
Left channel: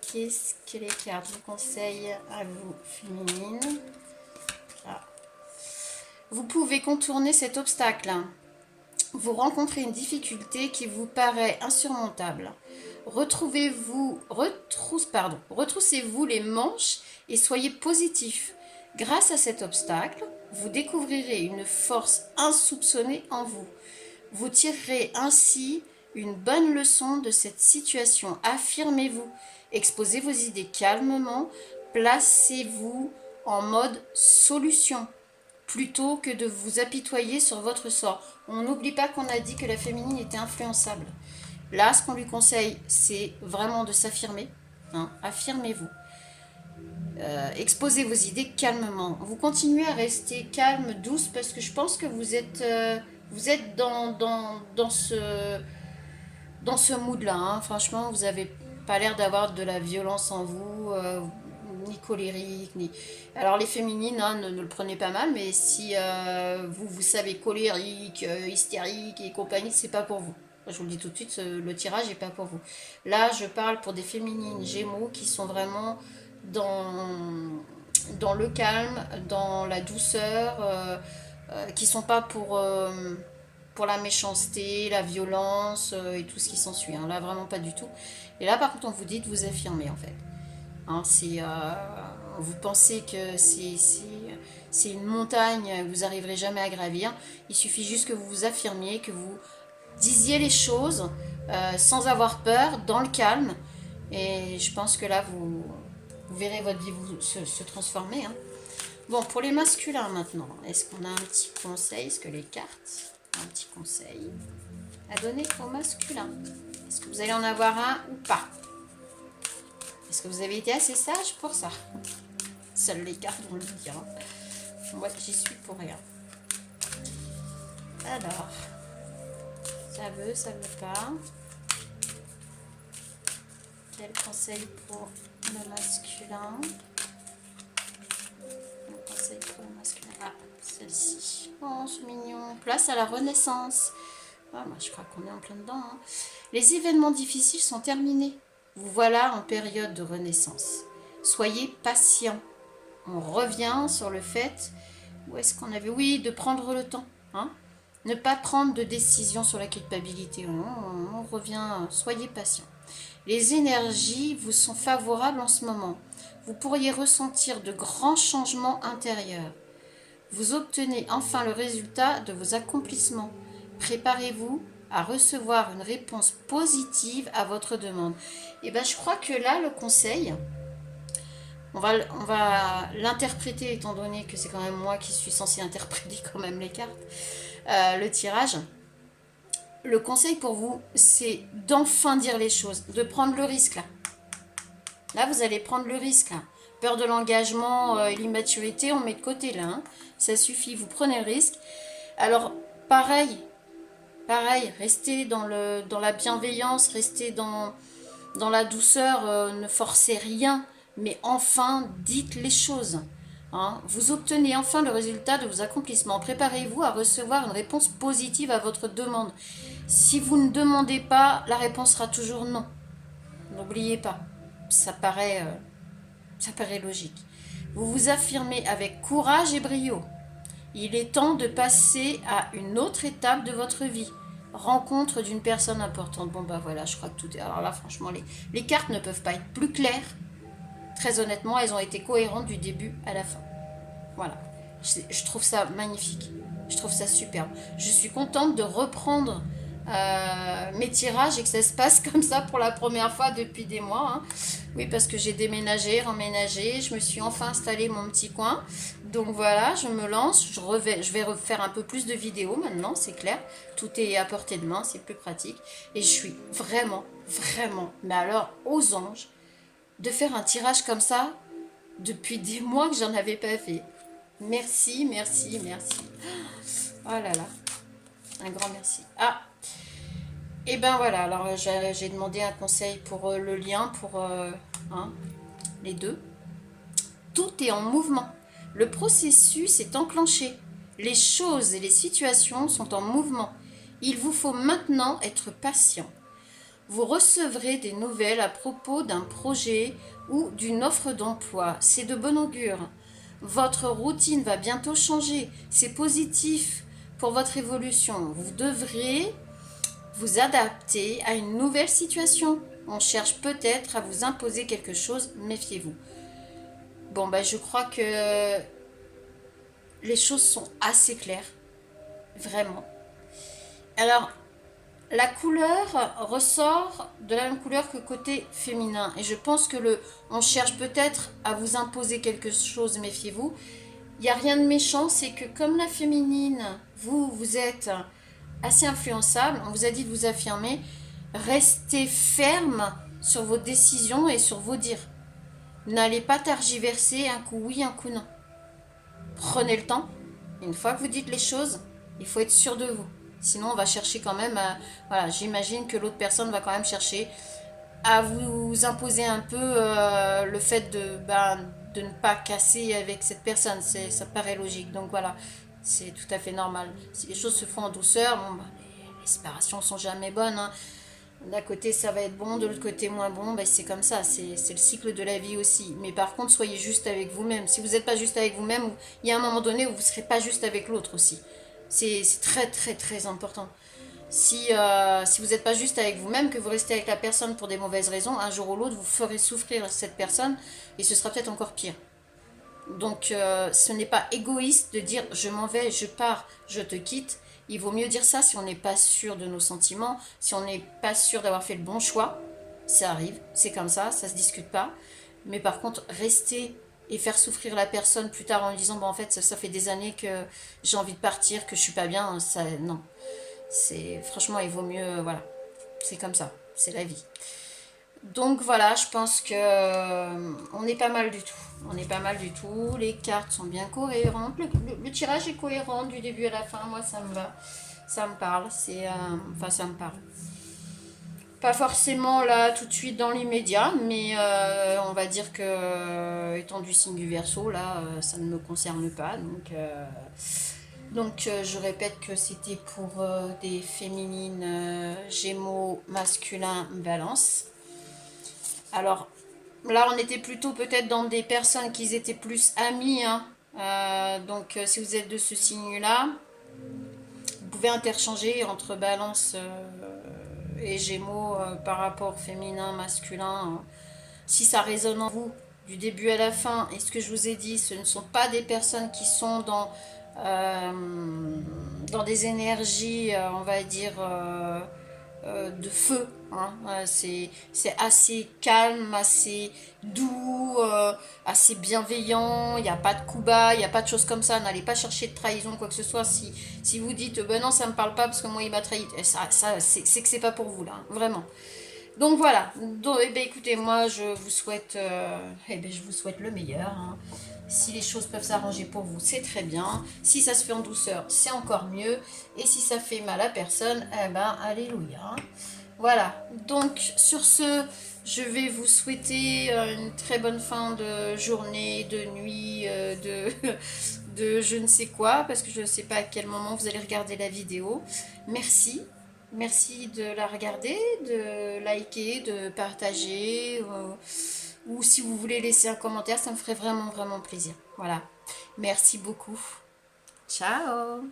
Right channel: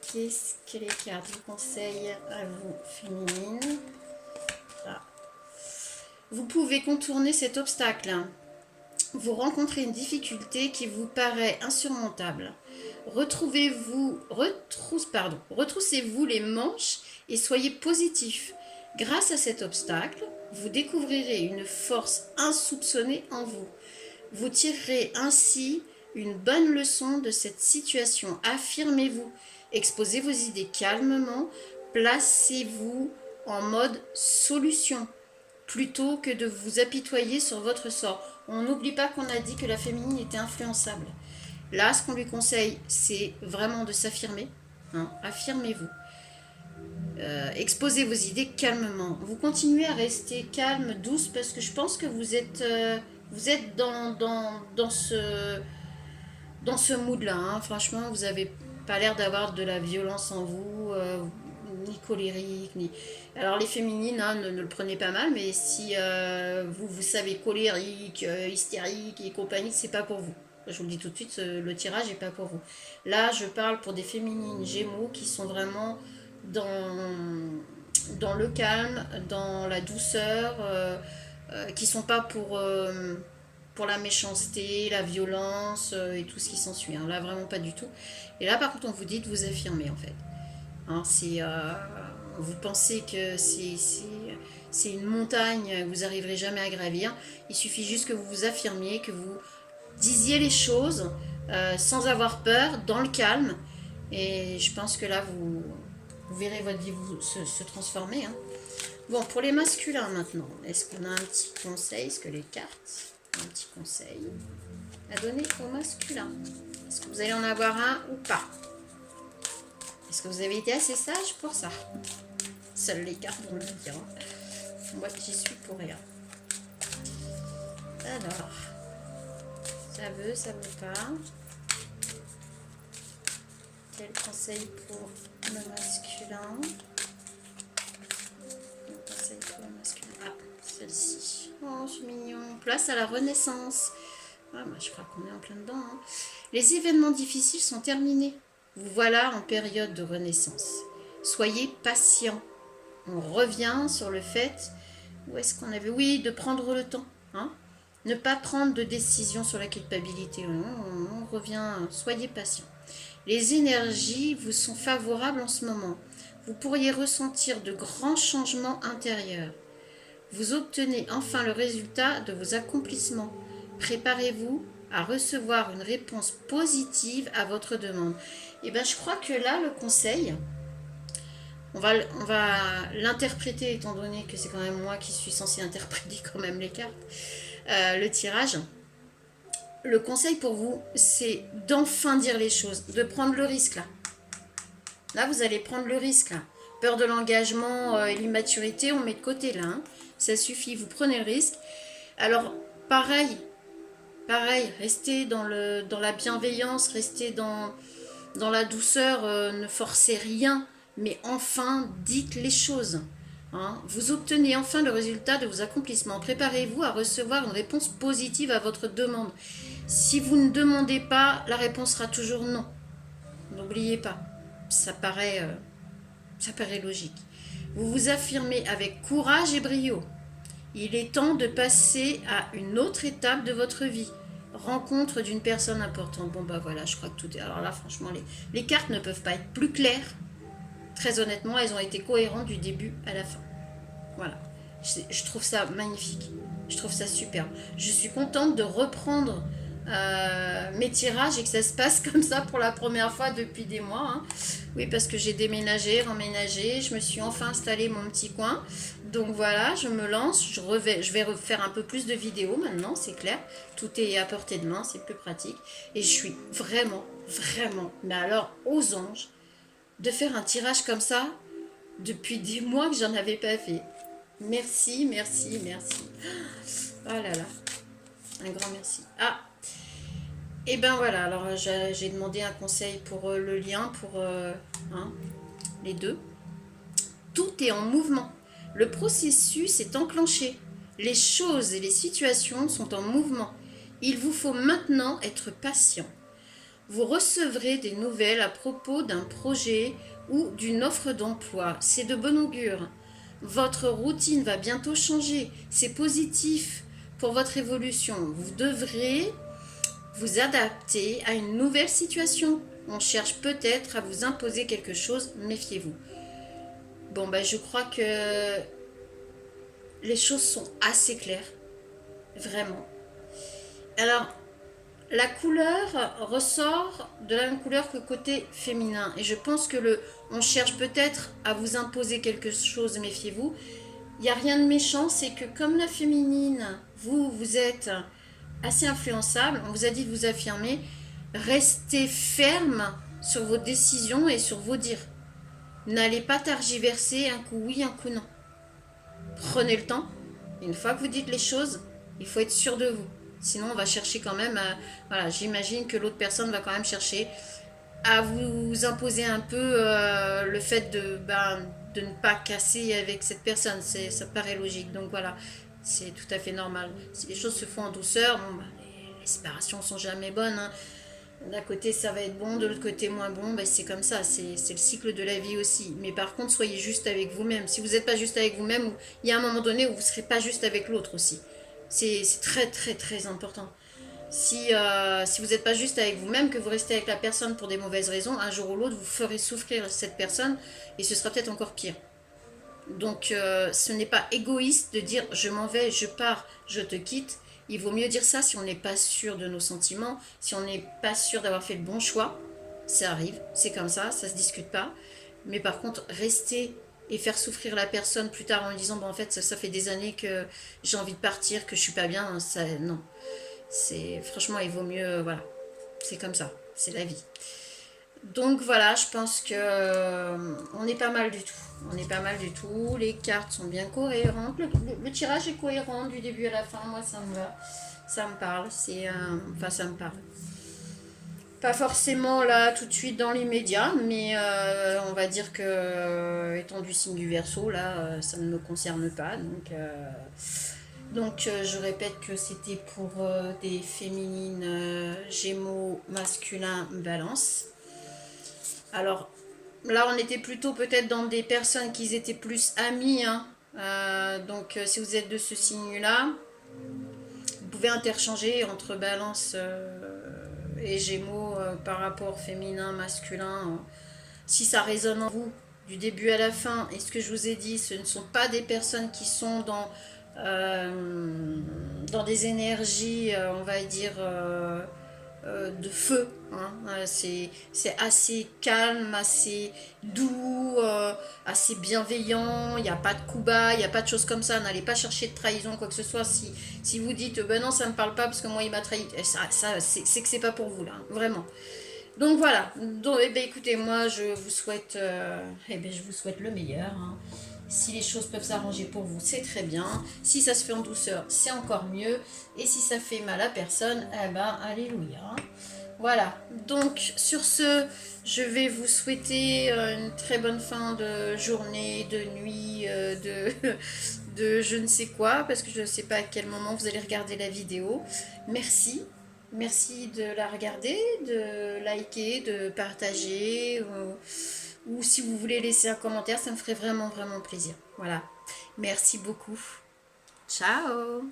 qu'est-ce que les cartes vous conseillent à vous, féminine? Ah. Vous pouvez contourner cet obstacle. Vous rencontrez une difficulté qui vous paraît insurmontable. Retroussez-vous les manches et soyez positif. Grâce à cet obstacle, vous découvrirez une force insoupçonnée en vous. Vous tirerez ainsi une bonne leçon de cette situation. Affirmez-vous, exposez vos idées calmement, placez-vous en mode solution plutôt que de vous apitoyer sur votre sort. On n'oublie pas qu'on a dit que la féminine était influençable. Là, ce qu'on lui conseille, c'est vraiment de s'affirmer. Hein, affirmez-vous. Exposez vos idées calmement. Vous continuez à rester calme, douce, parce que je pense que vous êtes dans ce mood-là. Hein. Franchement, vous n'avez pas l'air d'avoir de la violence en vous, ni colérique, ni... Alors les féminines, hein, ne le prenez pas mal, mais si vous savez colérique, hystérique et compagnie, c'est pas pour vous. Je vous le dis tout de suite, le tirage n'est pas pour vous. Là, je parle pour des féminines Gémeaux qui sont vraiment dans le calme, dans la douceur, qui sont pas pour la méchanceté, la violence et tout ce qui s'ensuit. Hein. Là, vraiment pas du tout. Et là, par contre, on vous dit de vous affirmer, en fait. Hein, vous pensez que c'est une montagne que vous n'arriverez jamais à gravir. Il suffit juste que vous vous affirmiez, que vous disiez les choses sans avoir peur, dans le calme. Et je pense que là, vous verrez votre vie se transformer. Hein. Bon, pour les masculins maintenant, est-ce qu'on a un petit conseil? Est-ce que les cartes ont un petit conseil à donner aux masculins? Est-ce que vous allez en avoir un ou pas? Est-ce que vous avez été assez sage pour ça? Seules les cartes vont le dire. Hein. Moi, j'y suis pour rien. Alors, ça veut pas. Quel conseil pour le masculin? Quel conseil pour le masculin? Ah, celle-ci. Oh, c'est mignon. Place à la renaissance. Ah, moi, je crois qu'on est en plein dedans. Hein. Les événements difficiles sont terminés. Vous voilà en période de renaissance. Soyez patient. On revient sur le fait, où est-ce qu'on avait? Oui, de prendre le temps. Hein? Ne pas prendre de décision sur la culpabilité. Non, on revient, soyez patient. Les énergies vous sont favorables en ce moment. Vous pourriez ressentir de grands changements intérieurs. Vous obtenez enfin le résultat de vos accomplissements. Préparez-vous à recevoir une réponse positive à votre demande. Et bien, je crois que là, le conseil, on va l'interpréter, étant donné que c'est quand même moi qui suis censée interpréter quand même les cartes, le tirage. Le conseil pour vous, c'est d'enfin dire les choses, de prendre le risque là. Là, vous allez prendre le risque. Là. Peur de l'engagement et l'immaturité, on met de côté là. Hein. Ça suffit, vous prenez le risque. Alors, pareil, restez dans la bienveillance, restez dans la douceur, ne forcez rien, mais enfin, dites les choses. Hein. Vous obtenez enfin le résultat de vos accomplissements. Préparez-vous à recevoir une réponse positive à votre demande. Si vous ne demandez pas, la réponse sera toujours non. N'oubliez pas, ça paraît logique. Vous vous affirmez avec courage et brio. Il est temps de passer à une autre étape de votre vie. Rencontre d'une personne importante. Bon bah voilà, je crois que tout est... Alors là, franchement, les cartes ne peuvent pas être plus claires. Très honnêtement, elles ont été cohérentes du début à la fin. Voilà. Je trouve ça magnifique. Je trouve ça superbe. Je suis contente de reprendre mes tirages et que ça se passe comme ça pour la première fois depuis des mois. Hein. Oui, parce que j'ai déménagé, remménagé, je me suis enfin installé mon petit coin. Donc voilà, je me lance, je vais refaire un peu plus de vidéos maintenant, c'est clair. Tout est à portée de main, c'est plus pratique. Et je suis vraiment, mais alors aux anges, de faire un tirage comme ça depuis des mois que j'en avais pas fait. Merci. Oh là là, un grand merci. Ah, et ben voilà, alors j'ai demandé un conseil pour le lien, pour les deux. Tout est en mouvement. Le processus est enclenché. Les choses et les situations sont en mouvement. Il vous faut maintenant être patient. Vous recevrez des nouvelles à propos d'un projet ou d'une offre d'emploi. C'est de bon augure. Votre routine va bientôt changer. C'est positif pour votre évolution. Vous devrez vous adapter à une nouvelle situation. On cherche peut-être à vous imposer quelque chose, méfiez-vous. Bon, bah, je crois que les choses sont assez claires. Vraiment. Alors, la couleur ressort de la même couleur que côté féminin. Et je pense que on cherche peut-être à vous imposer quelque chose, méfiez-vous. Il n'y a rien de méchant, c'est que comme la féminine, vous êtes assez influençable, on vous a dit de vous affirmer, restez ferme sur vos décisions et sur vos dires. N'allez pas tergiverser un coup oui, un coup non. Prenez le temps. Une fois que vous dites les choses, il faut être sûr de vous. Sinon, on va chercher quand même à... Voilà, j'imagine que l'autre personne va quand même chercher à vous imposer un peu le fait de ne pas casser avec cette personne. Ça paraît logique. Donc voilà, c'est tout à fait normal. Si les choses se font en douceur, bon, les séparations sont jamais bonnes. Hein. D'un côté, ça va être bon, de l'autre côté, moins bon. C'est comme ça, c'est le cycle de la vie aussi. Mais par contre, soyez juste avec vous-même. Si vous n'êtes pas juste avec vous-même, il y a un moment donné où vous ne serez pas juste avec l'autre aussi. C'est très important. Si vous n'êtes pas juste avec vous-même, que vous restez avec la personne pour des mauvaises raisons, un jour ou l'autre, vous ferez souffrir cette personne et ce sera peut-être encore pire. Donc, ce n'est pas égoïste de dire je m'en vais, je pars, je te quitte. Il vaut mieux dire ça si on n'est pas sûr de nos sentiments, si on n'est pas sûr d'avoir fait le bon choix. Ça arrive, c'est comme ça se discute pas. Mais par contre, rester et faire souffrir la personne plus tard en lui disant en fait ça fait des années que j'ai envie de partir, que je suis pas bien, ça non. Franchement, il vaut mieux voilà. C'est comme ça, c'est la vie. Donc voilà, je pense que on est pas mal du tout. Les cartes sont bien cohérentes. Le tirage est cohérent du début à la fin. Moi, ça me va. Ça me parle. Ça me parle. Pas forcément là tout de suite dans l'immédiat, mais on va dire que étant du signe du Verseau, là, ça ne me concerne pas. Donc je répète que c'était pour des féminines Gémeaux, masculins, Balance. Alors là, on était plutôt peut-être dans des personnes qui étaient plus amies. Hein. Donc si vous êtes de ce signe-là, vous pouvez interchanger entre Balance et Gémeaux par rapport féminin, masculin. Si ça résonne en vous du début à la fin, et ce que je vous ai dit, ce ne sont pas des personnes qui sont dans des énergies, on va dire, de feu. Hein. C'est assez calme, assez doux, assez bienveillant. Il n'y a pas de coups bas, il n'y a pas de choses comme ça. N'allez pas chercher de trahison, quoi que ce soit. Si vous dites, ben non, ça ne me parle pas parce que moi, il m'a trahi, c'est que c'est pas pour vous, là. Vraiment. Donc voilà, donc, eh ben, écoutez, moi je vous souhaite, je vous souhaite le meilleur, hein. Si les choses peuvent s'arranger pour vous, c'est très bien. Si ça se fait en douceur, c'est encore mieux. Et si ça fait mal à personne, eh ben, alléluia, hein. Voilà, donc sur ce, je vais vous souhaiter une très bonne fin de journée, de nuit, de je ne sais quoi, parce que je ne sais pas à quel moment vous allez regarder la vidéo. Merci, merci de la regarder, de liker, de partager, ou si vous voulez laisser un commentaire, ça me ferait vraiment, vraiment plaisir. Voilà, merci beaucoup. Ciao!